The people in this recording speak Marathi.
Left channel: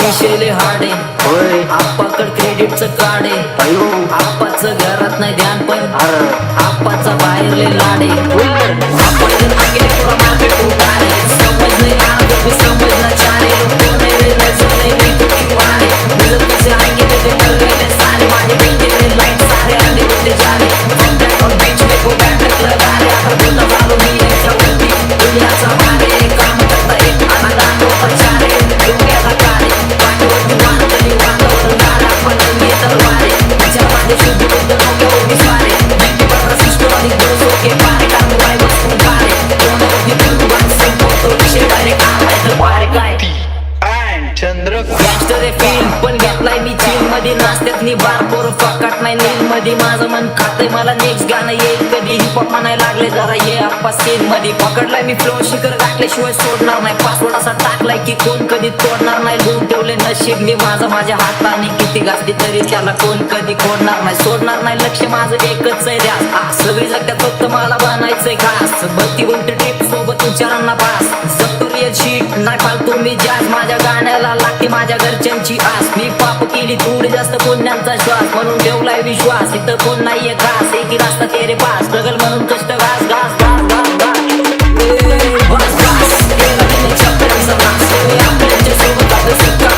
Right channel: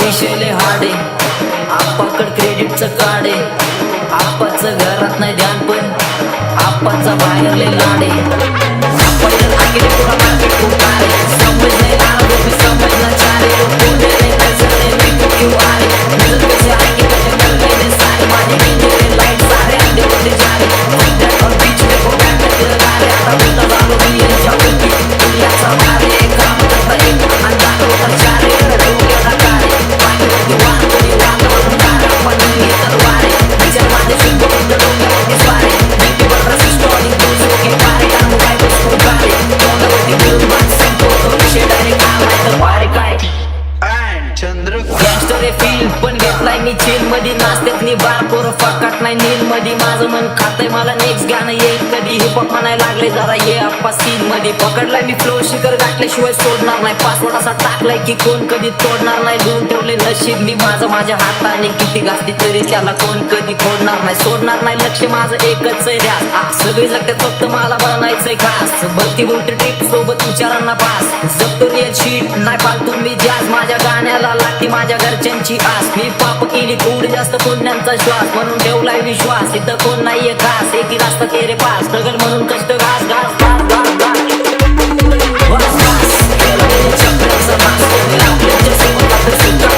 विषय लय हार्ड आहे. आप्पाकड क्रेडिटचं कार्ड आहे. आप्पाचं घरात नाही ध्यान पण आप्पाचा बाहेर लय लाड आहे. आप्पा इधर आके थोड़ा मार्केट उतारे, समझ नहीं आ रहा कुछ भी समझना चाह रहे. लोग कौन है रे, नजर नहीं मेरे को क्यों आ रहे. नजर कैसे आएंगे मेरे मर गए ले सारे. माझे डीजे लाइट सारे आंधे होते जा रहे. From that on beach में को बैठ लगा रहे. आता बोलता झालो मी यांच्यावरती दुनियाचा भार आहे. काम करता एक अंदाज होता चारे. डोक्याला कारे पाठीवरती वार तरी वातावरण गार. आपण नंगी तलवार आहे. विचार माझे शुद्ध बुद्ध डोक्यावरती स्वारे. नीतीवर रसिस्टॉनिक दोष के पारे. काम वाय बसून कारे तोंडावरती बोलून बात संपवतो विषय डायरेक्ट आलाय तर वारे काय. गँगस्टर फील पण घेतलाय मी चिल मध्ये. नाचत्यात नि बार पोर फकाट नाही नील मध्ये. माझं मन खातय मला नेक्स्ट गाणं येईल कधी. हिपहॉप म्हणायला लागले जरा ये आप्पा सीन मध्ये. पकडलाय मी फ्लो शिखर गाठल्याशिवाय सोडणार नाही. पासवर्ड असा टाकलाय की कोण कधी तोडणार नाही. लिहून ठेवले नशीब मी माझं माझ्या हाताने. किती घासली तरी त्याला कोण कधी खोडणार नाही. सोडणार नाही लक्ष माझं एकच आहे ध्यास. सगळी जगत्यात फक्त मला बनायचंय खास. भक्ती बोलते ट्रिप सोबत विचारांना पास. जगतो रिअल शीट नाही फालतू मी जास्त. माझ्या गाण्याला लागते माझ्या घरच्यांची आस. मी पाप केली थोडी जास्त पुण्यांचा श्वास. म्हणून ठेवलाय विश्वास इथं कोण नाहीये खास. एक रास्ता तेरे पास स्ट्रगल म्हणून कष्ट घास घास घास घास घास वास वास. केला मी चक्राचा नाश. आपल्याच्या सोबत आपलं सुका